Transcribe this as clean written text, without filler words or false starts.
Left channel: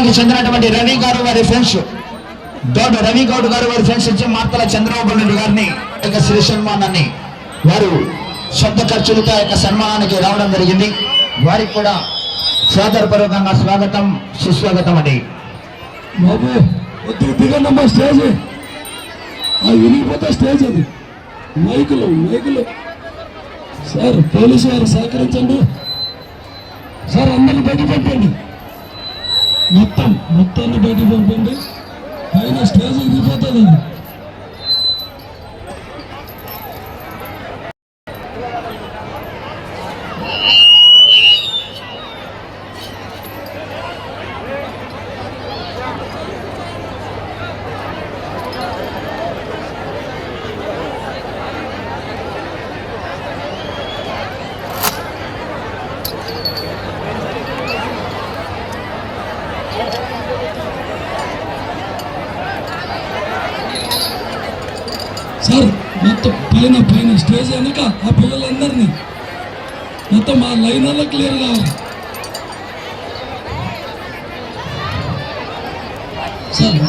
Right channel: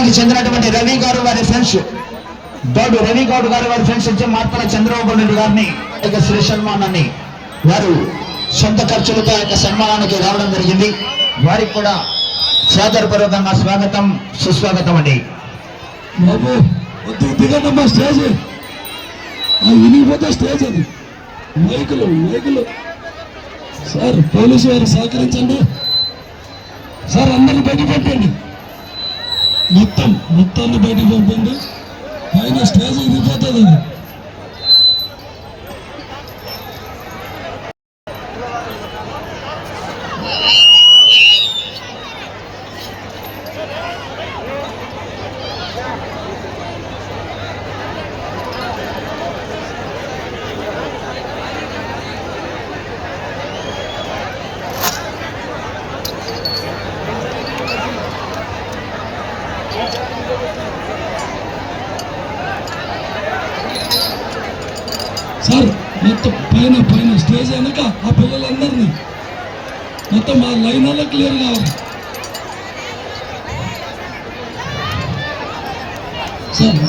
గ్రామానికి చెందినటువంటి రవి గారు వారి ఫ్రెండ్స్ గౌడ్ రవి గౌడ్ గారు వారి ఫ్రెండ్స్ ఇచ్చే మార్తల చంద్రబాబు నాయుడు గారిని శ్రీ సన్మానాన్ని వారు సొంత ఖర్చులతో యొక్క సన్మానానికి రావడం జరిగింది. వారికి కూడా సాదరపూర్వకంగా స్వాగతం సుస్వాగతం అండి. బాబు దిగండమ్మా స్టేజ్ వినిగిపోతే స్టేజ్ అది మైకులు సార్ పోలీసు వారు సహకరించండి సార్. అందరిని బయట పంపండి, మొత్తాన్ని బయట పంపండి. పైన స్టేజ్ వినిగిపోతుంది. సార్ మొత్తం పైన స్టేజ్ వెనక ఆ పిల్లలందరినీ మొత్తం ఆ లైన్ వల్ల క్లియర్ కావాలి సార్.